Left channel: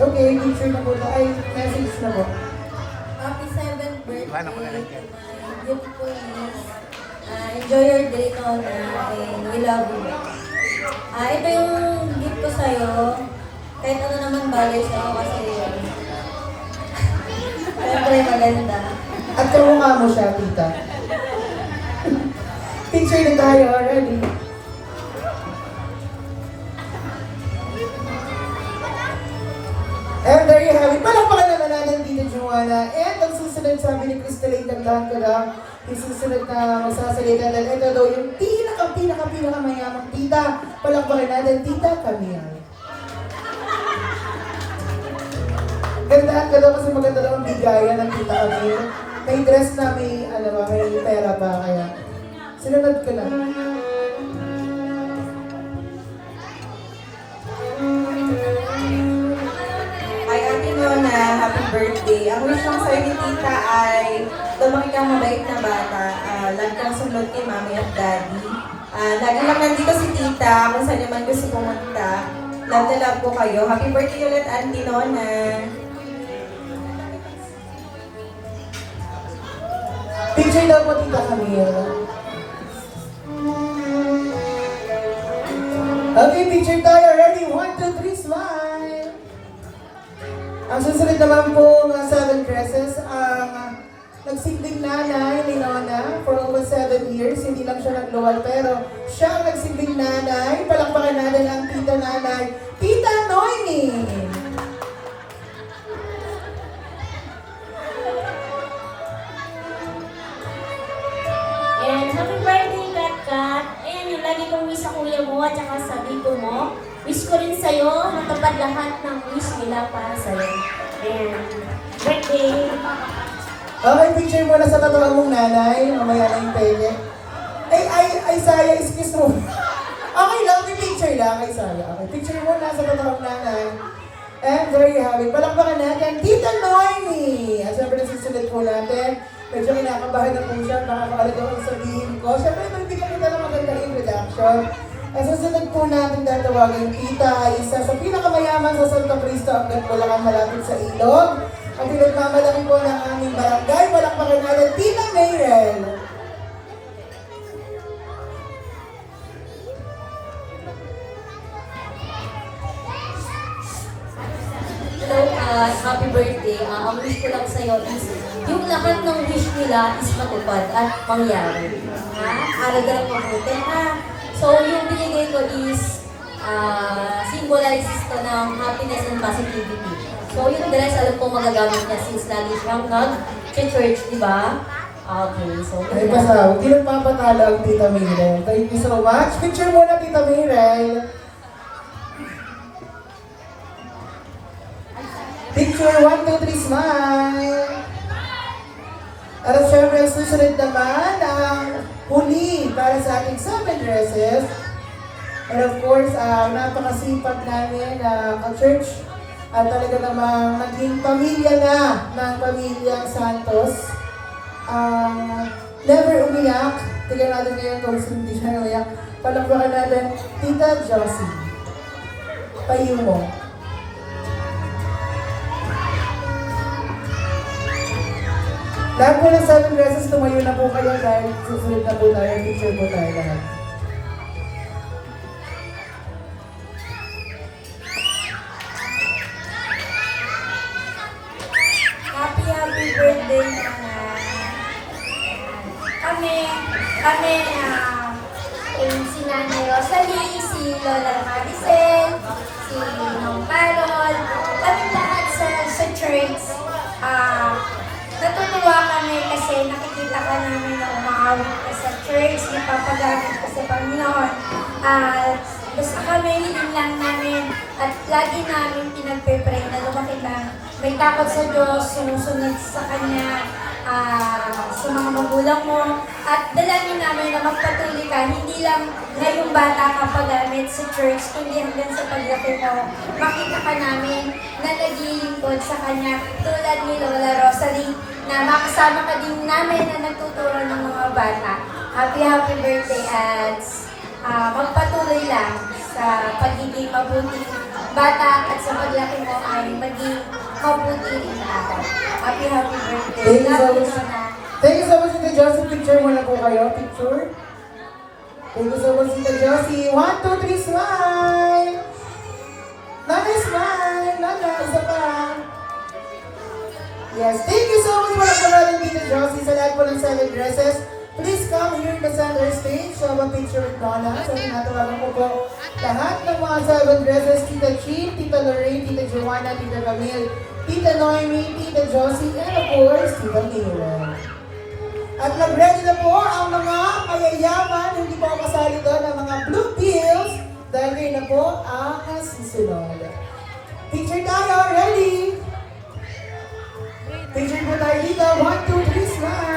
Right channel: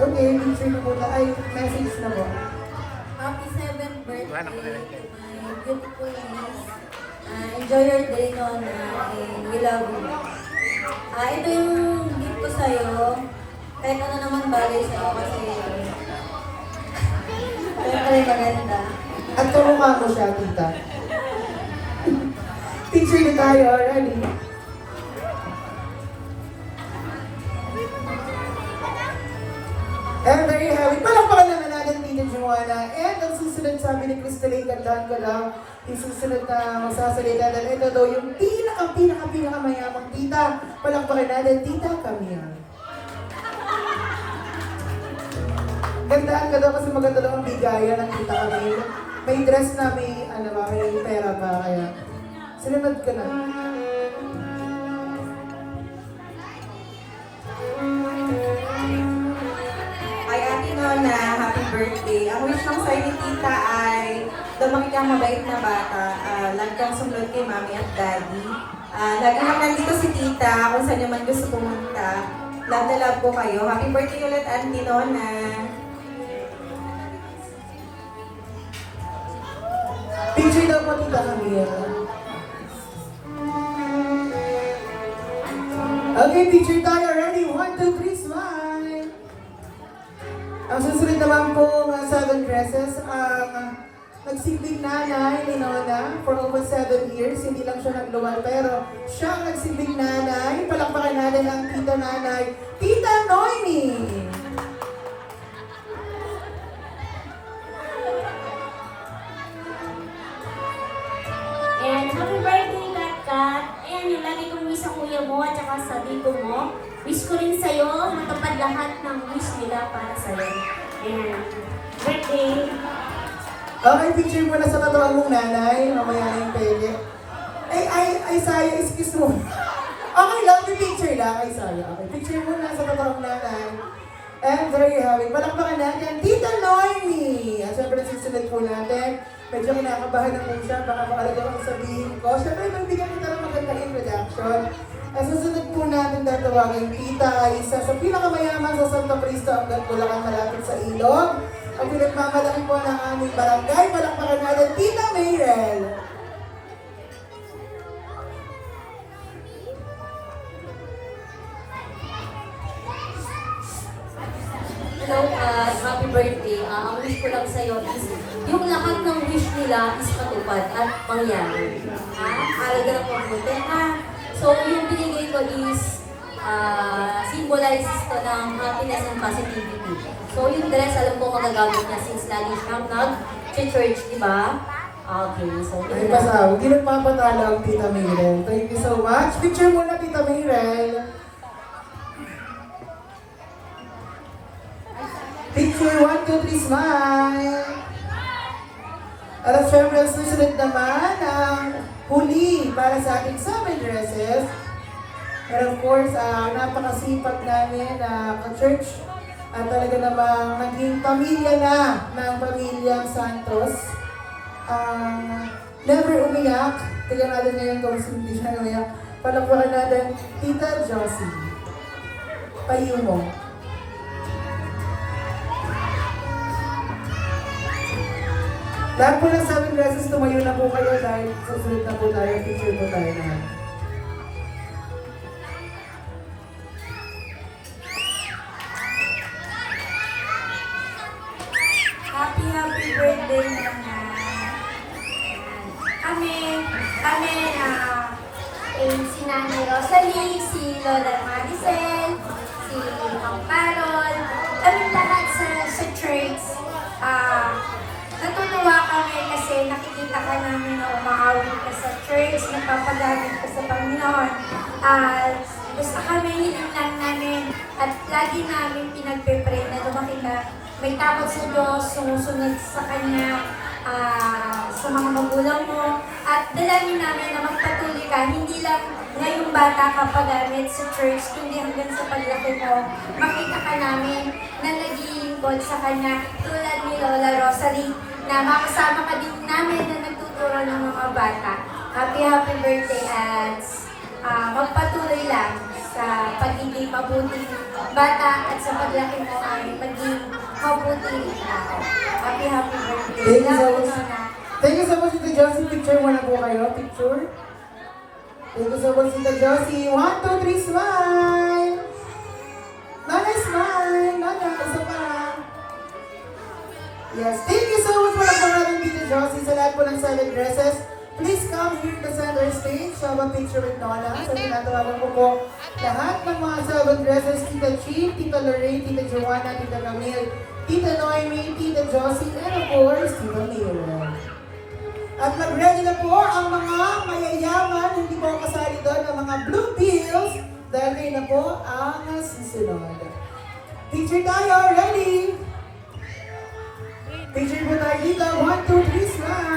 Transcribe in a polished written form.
Okay, picture na po na. Ay, message na po. Happy 7th birthday to my beautiful niece. Enjoy your day, Nona, and we love you. Ito yung gift ko sa'yo. Kahit ano naman bagay sa'yo kasi siyempre maganda. At kamukha mo siya, tita. Picture na tayo, ready? And there you have it. Palakpakan naman natin Tita Joanna. And ang susunod sabi ni Crystalline, kandahan ko lang, yung susunod na magsasalita dahil ito daw yung pinaka-mayamang tita. Palakpakan natin, Tita Camille. Gandaan ka daw kasi maganda daw ang bigayan ng Tita Camille. May dress na may, may pera pa, kaya sinunod ka na. Ay, Ate Nona, happy birthday. Ang wish lang sa'yo ni Tita ay lumaki kang mabait na bata. Lagi kang sunod kay Mami at Daddy. Lagi lang nandito si Tita kung saan naman gusto pumunta. Love na love ko kayo. Happy birthday ulit, Auntie Nona. Picture daw po Tita Camille. Okay, picture tayo. Ready? 1, 2, 3, smile! Ang susunod naman po mga 7 dresses ang nagsilbing nanay ni Nona for over 7 years. Hindi lang siya nagluwal pero siya ang nagsilbing nanay. Palakpakan natin ang tita nanay, Tita Noemi! And happy birthday, Kat. Ayan, yung lagi kong wish sa kuya mo at saka sa dito mo. Wish ko rin sa'yo, matupad lahat ng wish nila para sa'yo. Ayan, birthday. Okay, picture mo na sa katawan mong nanay. Mamaya na yung pwede. Ay, Saya, excuse mo. Okay lang, may picture lang. Ay, Saya. Okay, picture mo na sa katawan mong nanay. And there you have it. Palakpakan natin, Tita Noemi! At syempre, susunod po natin. Medyo kinakabahan na po siya. Baka makalaga kong sabihin ko. Syempre, nagbigyan kita ng magandang introduction. At susunod po natin dahil tawagin Tita, isa sa pinakamayaman sa Santo Cristo hanggang Bulacan malapit sa Ilog. Ang pinagmamalaki po ng aming barangay. Palakpakan natin, Tita Mayrel! Hello, happy birthday. Ang wish ko lang sa'yo is yung lahat ng wish nila is matupad at mangyari. Ha? Alaga ng mabuti, ha? So, yung binigay ko is symbolizes ko ng happiness and positivity. So, yung dress, alam ko magagamit niya since lagi siyang nag-church, di ba? Okay, so Ay, basta, hindi nagpapatalo ang Tita Mayrel. Thank you so much. Picture mo na, Tita Mayrel. Picture 1, 2, 3, smile! At syempre, susunod naman ang huli para sa ating 7 dresses. And of course, napakasipag namin ka-church at talaga namang naging pamilya na ng pamilyang Santos. Never umiyak. Tignan natin ngayon kung hindi siya umiyak. Palakpakan natin, Tita Josie. Payo mo. Lahat po ng 7 dresses, tumayo na po kayo dahil susunod na po tayo, picture po tayo lahat. Happy birthday, Nona. Si Nanay Rosalie, si Lola Maricel, si Ma'am Carol, kami lahat sa church. Natutuwa kami kasi nakikita ka namin na umaawit ka sa church, napapagamit ka sa Panginoon. Basta kami, hiling lang namin at lagi namin pinagpe-pray na lumaki na may takot sa Diyos, sumusunod sa Kanya, sa mga magulang mo. At dalangin namin na magpatuloy ka, hindi lang ngayong bata ka pagamit sa church, kundi hanggang sa paglaki mo. Makita ka namin na naglilingkod sa Kanya tulad ni Lola Rosalie, na makasama ka din namin na nagtuturo ng mga bata. Happy birthday at magpatuloy lang sa pagiging mabuting bata at sa paglaki mo ay maging mabuti rin araw. Happy birthday. Thank you so Love you, much. Nona. Thank you so much, Tita Josie. Picture muna po kayo. Picture. Thank you so much, Tita Josie. 1, 2, 3, smile! Nana, smile! Nana, isa pa. Yes, thank you so much for natin, Tita Josie. Sa lahat po ng 7 dresses, please come here in the center stage. Have a picture with Nana. So, tinatawagan ko po lahat ng mga 7 dresses. Tita Jean, Tita Lorraine, Tita Joanna, Tita Camille, Tita Noemi, Tita Josie, and of course, Tita Mira. At mag-ready na po ang mga mayayaman, hindi po kasali doon ng mga blue pills dahil kayo na po ang susunod. Picture tayo, ready? Picture po tayo dito, 1, 2, 3, smile!